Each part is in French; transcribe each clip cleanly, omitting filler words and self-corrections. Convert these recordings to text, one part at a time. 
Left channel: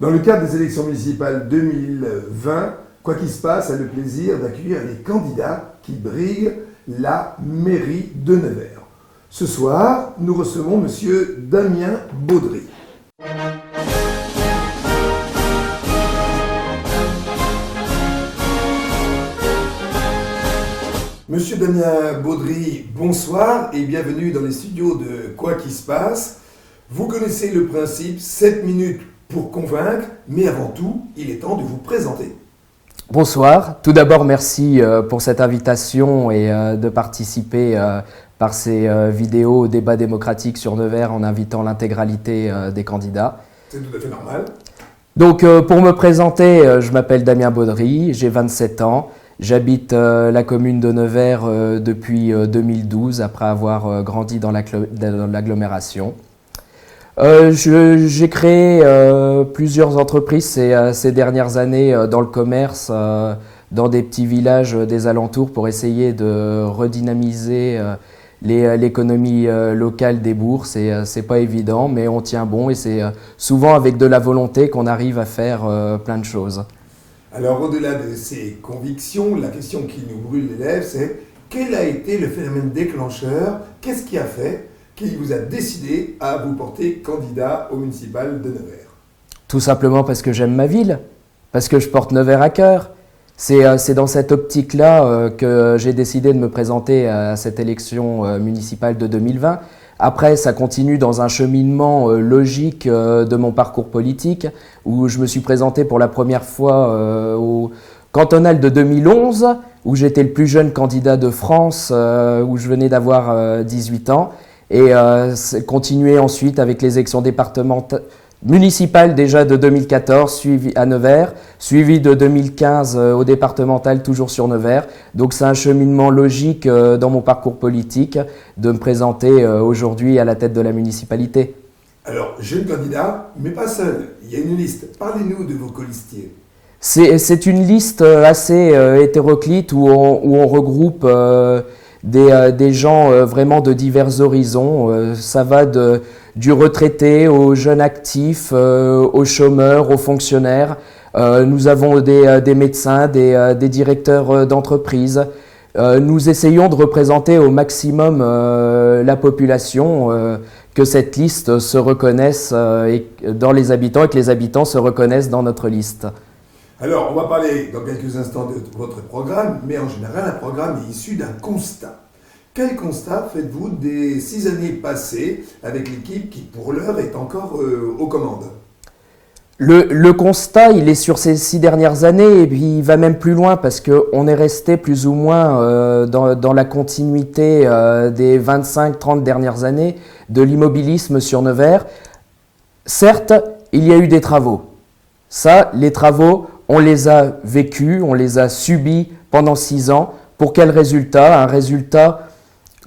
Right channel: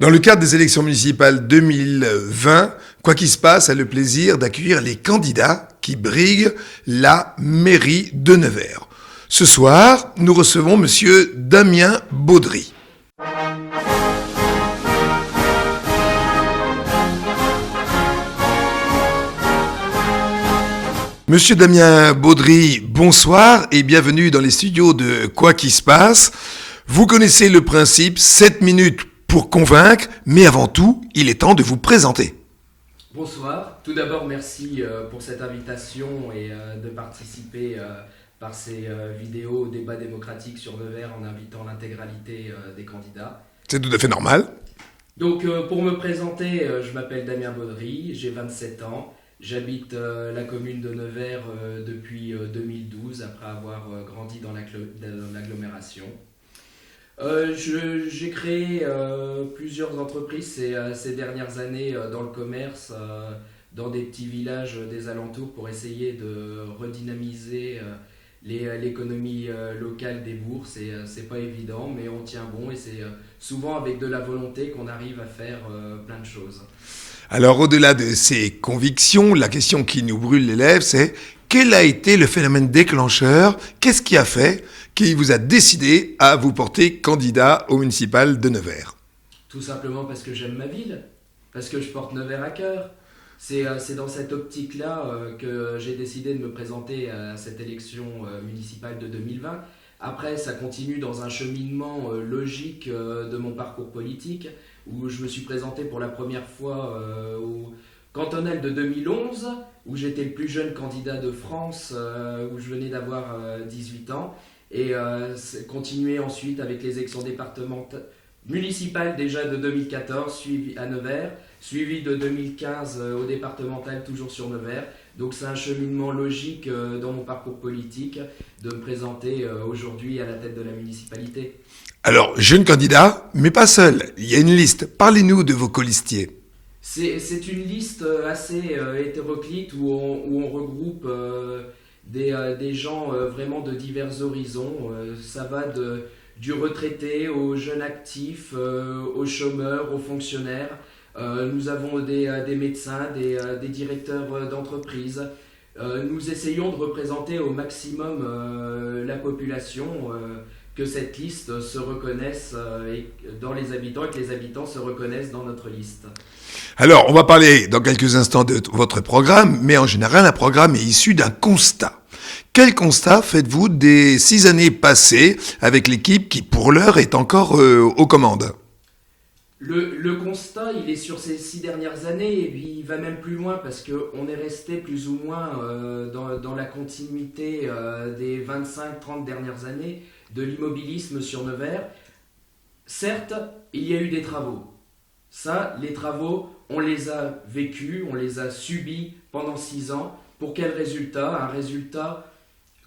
Dans le cadre des élections municipales 2020, Quoi qu'il se passe a le plaisir d'accueillir les candidats qui briguent la mairie de Nevers. Ce soir, nous recevons Monsieur Damien Baudry. Monsieur Damien Baudry, bonsoir et bienvenue dans les studios de Quoi qu'il se passe. Vous connaissez le principe, 7 minutes pour convaincre, mais avant tout, il est temps de vous présenter. Bonsoir. Tout d'abord, merci pour cette invitation et de participer par ces vidéos au débat démocratique sur Nevers en invitant l'intégralité des candidats. C'est tout à fait normal. Donc, pour me présenter, je m'appelle Damien Baudry, j'ai 27 ans. J'habite la commune de Nevers depuis 2012, après avoir grandi dans l'agglomération. J'ai créé plusieurs entreprises ces dernières années dans le commerce, dans des petits villages des alentours pour essayer de redynamiser l'économie locale des bourgs. C'est pas évident, mais on tient bon et c'est souvent avec de la volonté qu'on arrive à faire plein de choses. Alors, au-delà de ces convictions, la question qui nous brûle les lèvres, c'est quel a été le phénomène déclencheur? Qu'est-ce qui a fait qui vous a décidé à vous porter candidat au municipal de Nevers? Tout simplement parce que j'aime ma ville, parce que je porte Nevers à cœur. C'est dans cette optique-là que j'ai décidé de me présenter à cette élection municipale de 2020. Après, ça continue dans un cheminement logique de mon parcours politique, où je me suis présenté pour la première fois au cantonal de 2011, où j'étais le plus jeune candidat de France, où je venais d'avoir 18 ans, et continuer ensuite avec les élections municipales déjà de 2014, suivi à Nevers, suivi de 2015 au départemental, toujours sur Nevers. Donc c'est un cheminement logique dans mon parcours politique de me présenter aujourd'hui à la tête de la municipalité. Alors, jeune candidat, mais pas seul, il y a une liste. Parlez-nous de vos colistiers. C'est une liste assez hétéroclite où on regroupe des gens vraiment de divers horizons. Ça va du retraité aux jeunes actifs, aux chômeurs, aux fonctionnaires. Nous avons des médecins, des directeurs d'entreprise. Nous essayons de représenter au maximum la population, que cette liste se reconnaisse dans les habitants et que les habitants se reconnaissent dans notre liste. Alors, on va parler dans quelques instants de votre programme, mais en général, un programme est issu d'un constat. Quel constat faites-vous des 6 années passées avec l'équipe qui, pour l'heure, est encore aux commandes? Le constat, il est sur ces 6 dernières années et puis il va même plus loin parce qu'on est resté plus ou moins dans la continuité des 25-30 dernières années de l'immobilisme sur Nevers. Certes, il y a eu des travaux. Ça, les travaux, on les a vécus, on les a subis pendant 6 ans. Pour quel résultat? Un résultat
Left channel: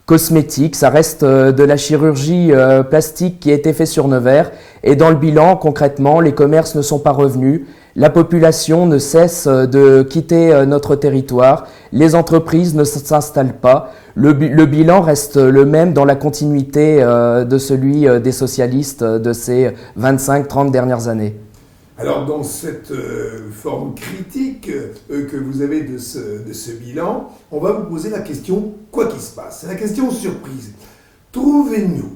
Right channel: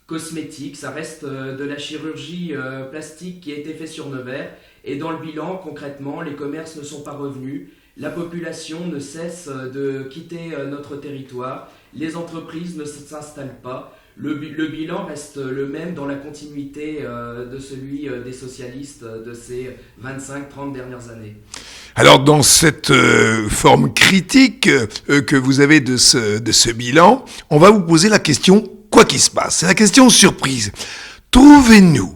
cosmétique, ça reste de la chirurgie plastique qui a été faite sur Nevers. Et dans le bilan, concrètement, les commerces ne sont pas revenus. La population ne cesse de quitter notre territoire. Les entreprises ne s'installent pas. Le bilan reste le même dans la continuité de celui des socialistes de ces 25-30 dernières années. Alors, dans cette forme critique que vous avez de ce bilan, on va vous poser la question « Quoi qu'il se passe ?» C'est la question surprise. Trouvez-nous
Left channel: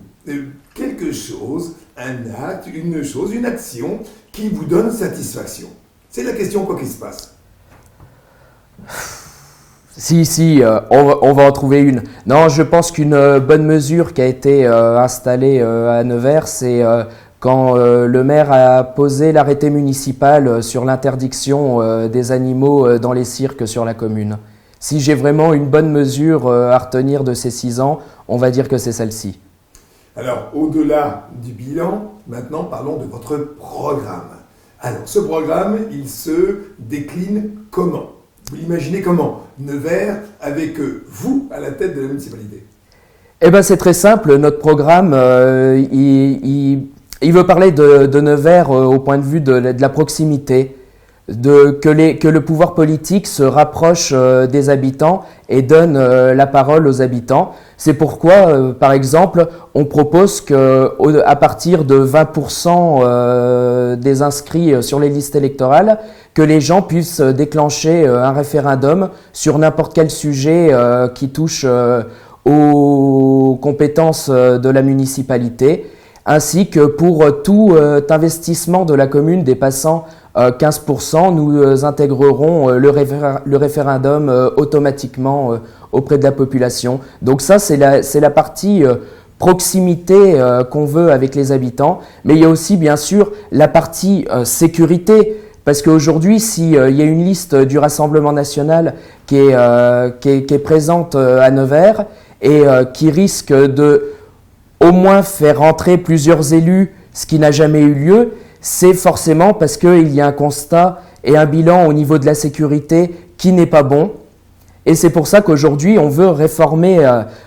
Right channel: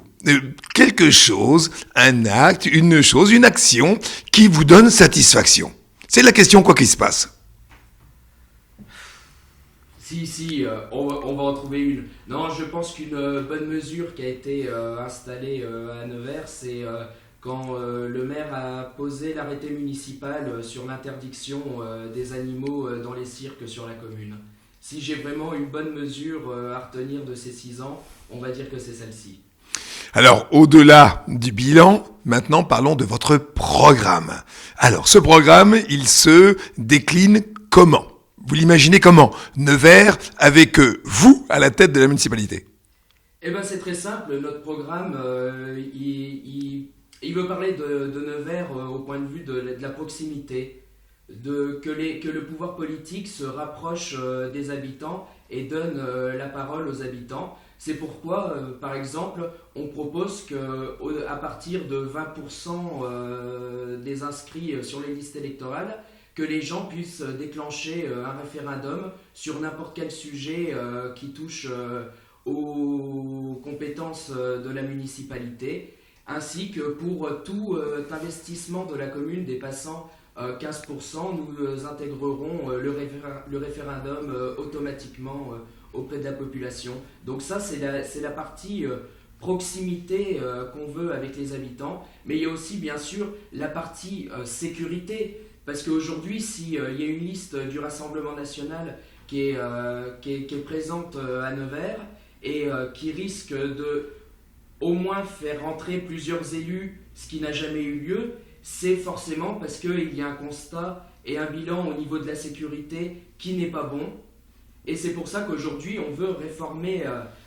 quelque chose, un acte, une chose, une action qui vous donne satisfaction. C'est la question « Quoi qu'il se passe ?» Si, on va en trouver une. Non, je pense qu'une bonne mesure qui a été installée à Nevers, c'est quand le maire a posé l'arrêté municipal sur l'interdiction des animaux dans les cirques sur la commune. Si j'ai vraiment une bonne mesure à retenir de ces 6 ans, on va dire que c'est celle-ci. Alors, au-delà du bilan, maintenant parlons de votre programme. Alors, ce programme, il se décline comment? Vous l'imaginez comment? Nevers avec vous à la tête de la municipalité? Eh bien, c'est très simple. Notre programme, il veut parler de Nevers au point de vue de la proximité, que le pouvoir politique se rapproche des habitants et donne la parole aux habitants. C'est pourquoi, par exemple, on propose qu'à partir de 20% des inscrits sur les listes électorales, que les gens puissent déclencher un référendum sur n'importe quel sujet qui touche aux compétences de la municipalité, ainsi que pour tout investissement de la commune dépassant 15%, nous intégrerons le référendum automatiquement auprès de la population. Donc ça, c'est la partie proximité qu'on veut avec les habitants, mais il y a aussi bien sûr la partie sécurité, parce qu'aujourd'hui, s'il y a une liste du Rassemblement national qui est présente à Nevers et qui risque de au moins faire rentrer plusieurs élus, ce qui n'a jamais eu lieu, c'est forcément parce qu'il y a un constat et un bilan au niveau de la sécurité qui n'est pas bon. Et c'est pour ça qu'aujourd'hui, on veut réformer,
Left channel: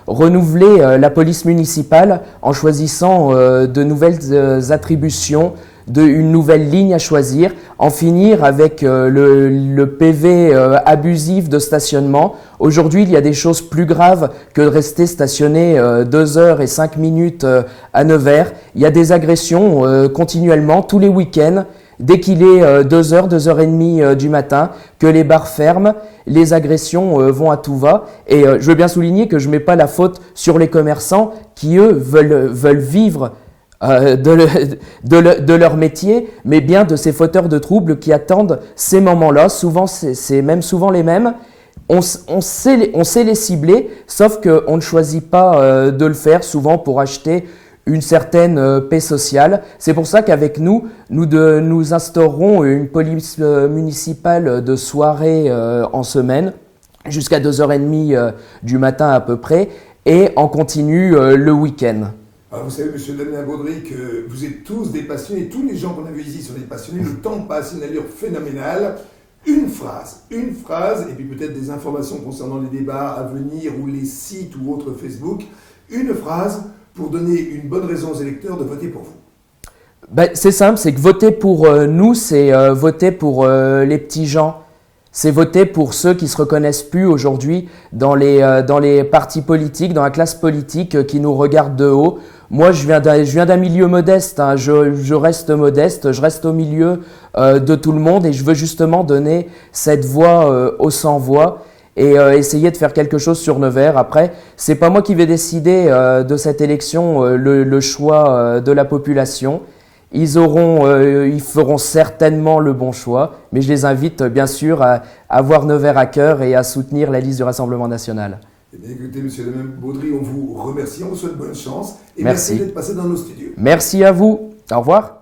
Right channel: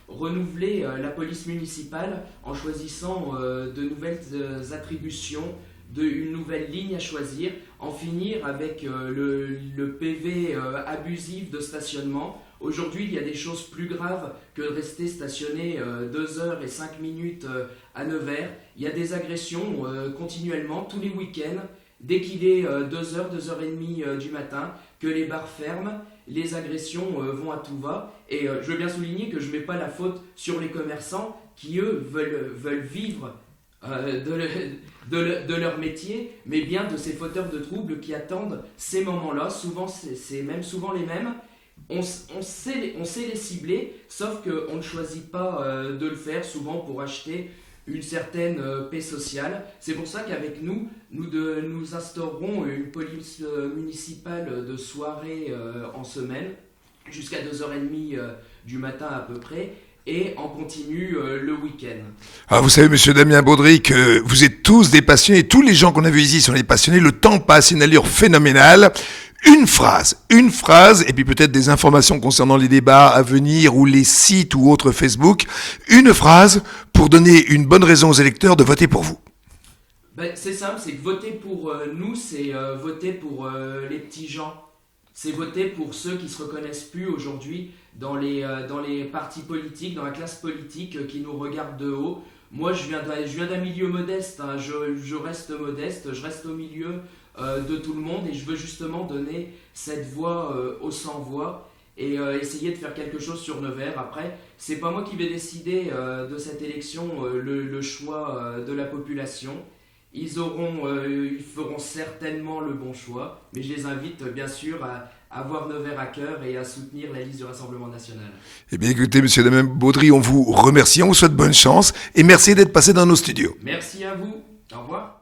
renouveler la police municipale en choisissant de nouvelles attributions, une nouvelle ligne à choisir, en finir avec le PV abusif de stationnement. Aujourd'hui, il y a des choses plus graves que de rester stationné 2 heures et 5 minutes à Nevers. Il y a des agressions continuellement, tous les week-ends, dès qu'il est 2 heures, 2 heures et demie du matin, que les bars ferment, les agressions vont à tout va. Et je veux bien souligner que je ne mets pas la faute sur les commerçants qui, eux, veulent vivre de leur métier, mais bien de ces fauteurs de troubles qui attendent ces moments-là. Souvent, c'est même souvent les mêmes. On sait les cibler, sauf qu'on ne choisit pas de le faire, souvent pour acheter une certaine paix sociale. C'est pour ça qu'avec nous instaurerons une police municipale de soirée en semaine, jusqu'à 2h30 du matin à peu près, et en continu le week-end. Ah, vous savez, monsieur Damien Baudry, que vous êtes tous des passionnés, tous les gens qu'on a vus ici sont des passionnés, le temps passe, une allure phénoménale. Une phrase, et puis peut-être des informations concernant les débats à venir ou les sites ou autres Facebook. Une phrase pour donner une bonne raison aux électeurs de voter pour vous. C'est simple, c'est que voter pour nous, c'est voter pour les petits gens. C'est voter pour ceux qui se reconnaissent plus aujourd'hui dans les partis politiques, dans la classe politique qui nous regarde de haut. Moi, je viens d'un milieu modeste, hein. Je reste modeste, je reste au milieu de tout le monde et je veux justement donner cette voix aux sans-voix et essayer de faire quelque chose sur Nevers. Après, c'est pas moi qui vais décider de cette élection le choix de la population. Ils feront certainement le bon choix, mais je les invite bien sûr à avoir Nevers à cœur et à soutenir la liste du Rassemblement national. Eh bien écoutez, monsieur Damien Baudry, on vous remercie, on vous souhaite bonne chance et merci d'être passé dans nos studios. Merci à vous, au revoir.